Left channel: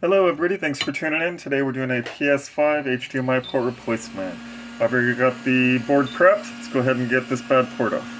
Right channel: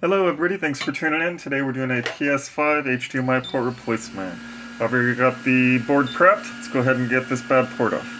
Hello everybody, thanks for tuning in. Today we're doing a PS5 HDMI port replacement. I've already got the board prepped. Let's go ahead and get this bad port off.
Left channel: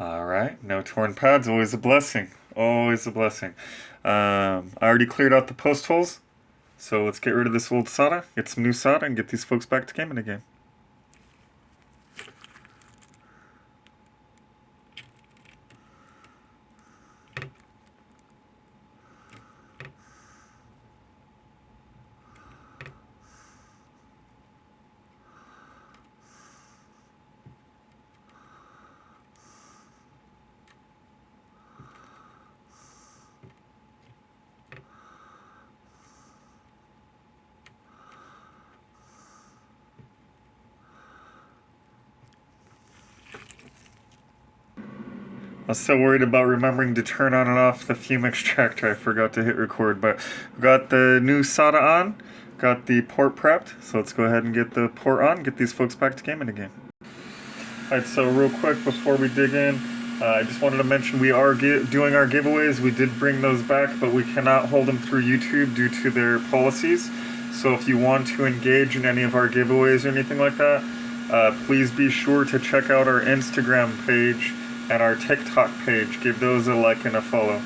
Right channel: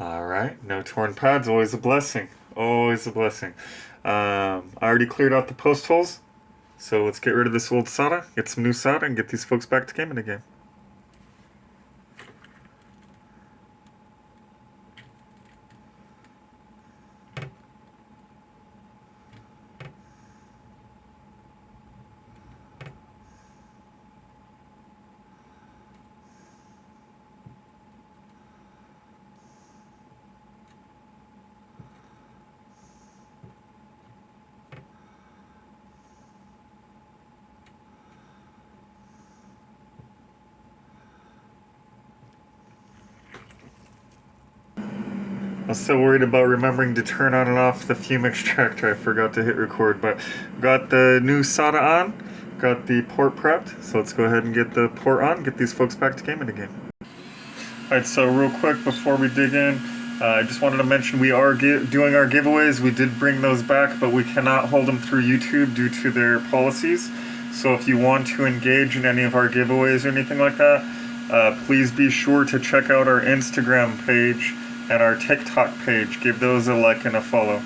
Alright, no torn pads, always a blessing. Always a blessing. I already cleared out the post holes, so let's get rid of this old solder, get some new solder, and get these folks back to gaming again. I was so worried about remembering to turn on and off the fume extractor, I forgot to hit record, but got the new solder on, got the port prepped, so let's go ahead and get the port on, get these folks back to gaming again. Alright, so real quick before we dig in, I just wanted to mention we are doing our giveaways. We did bring those back, but we cannot hold them through YouTube due to their policies. So if you want to engage in any of our giveaways or anything like that, please be sure to check out our Instagram page and our TikTok page. Give those a like and a follow.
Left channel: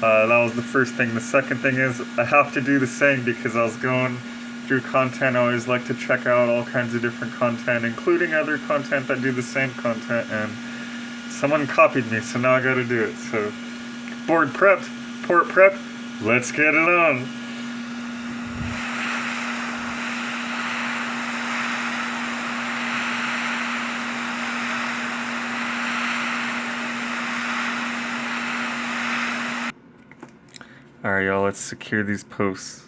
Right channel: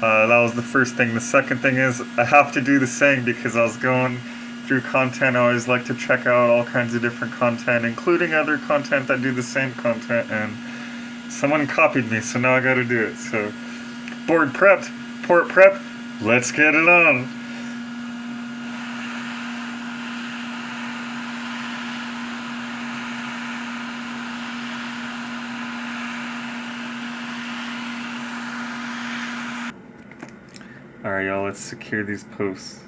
That was the first thing. The second thing is I have to do the same because I was going through content. I always like to check out all kinds of different content, including other content that do the same content, and someone copied me, so now I gotta do it. So, board prepped, port prepped, let's get it on. Alright y'all, let's secure these posts.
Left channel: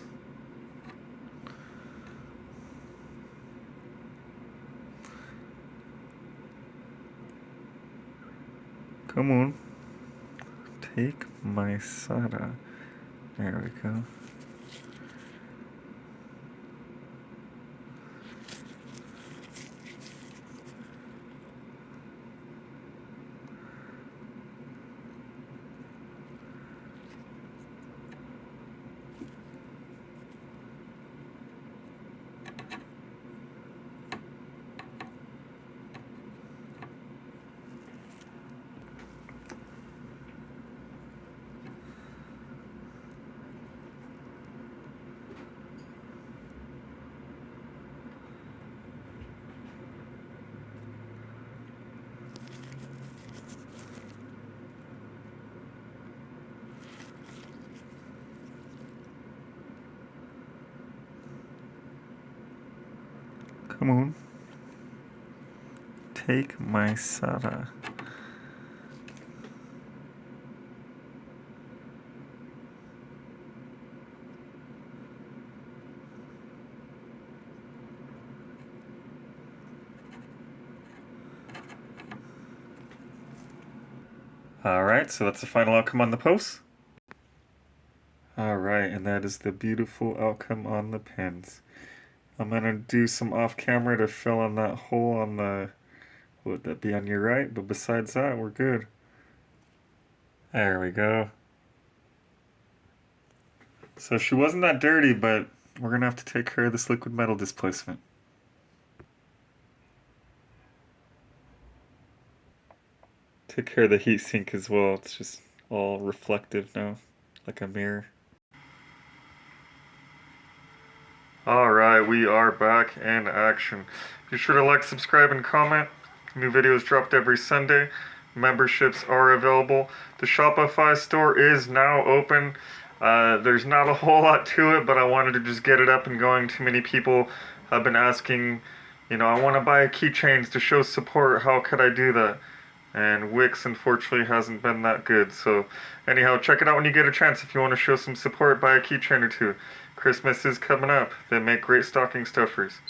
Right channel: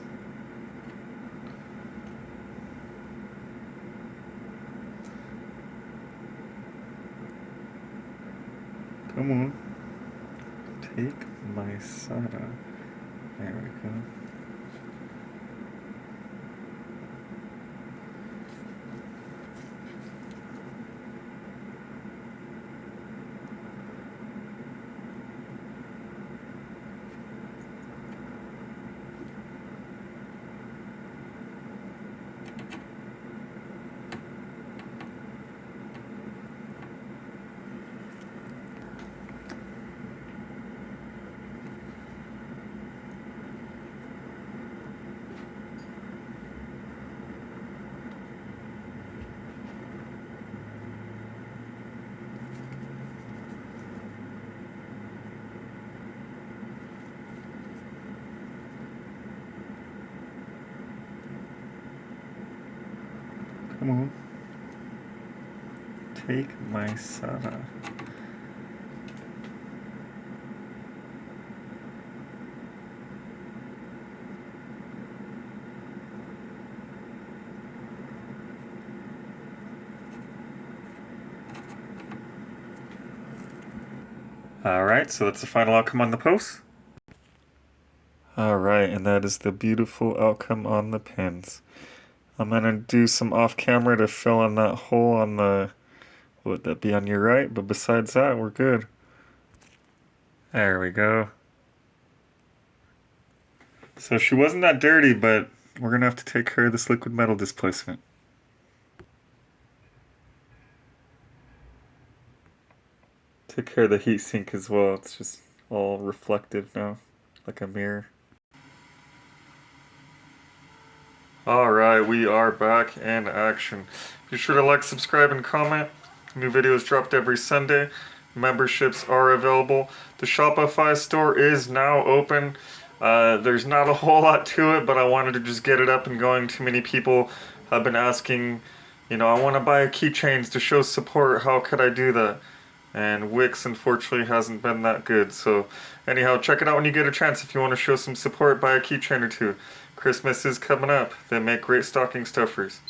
Come on. Take my soda. There we go. Come on. Take my soda. Alright, so that's the final outcome on the post. Alright, and that is the beautiful outcome on the pins. I'm gonna do some off camera to fill in that hole on the, would that be on your right? But besides that, we're good. There we go. So she wasn't that dirty, but we're gonna have to take care of this liquid metal displacement. Took care of the heatsink as well. It's just all reflective now, like a mirror. Alright, we are back in action. Be sure to like, subscribe, and comment. New videos dropped every Sunday. Memberships are available. The Shopify Store is now open. There's not a whole lot to it, but I wanted to just get it up and going. Too many people have been asking, I want to buy keychains to show support. How could I do that? And Wix, unfortunately, hasn't been that good. So, anyhow, check it out when you get a chance. If you want to show some support, buy a keychain or two. Christmas is coming up. They make great stocking stuffers.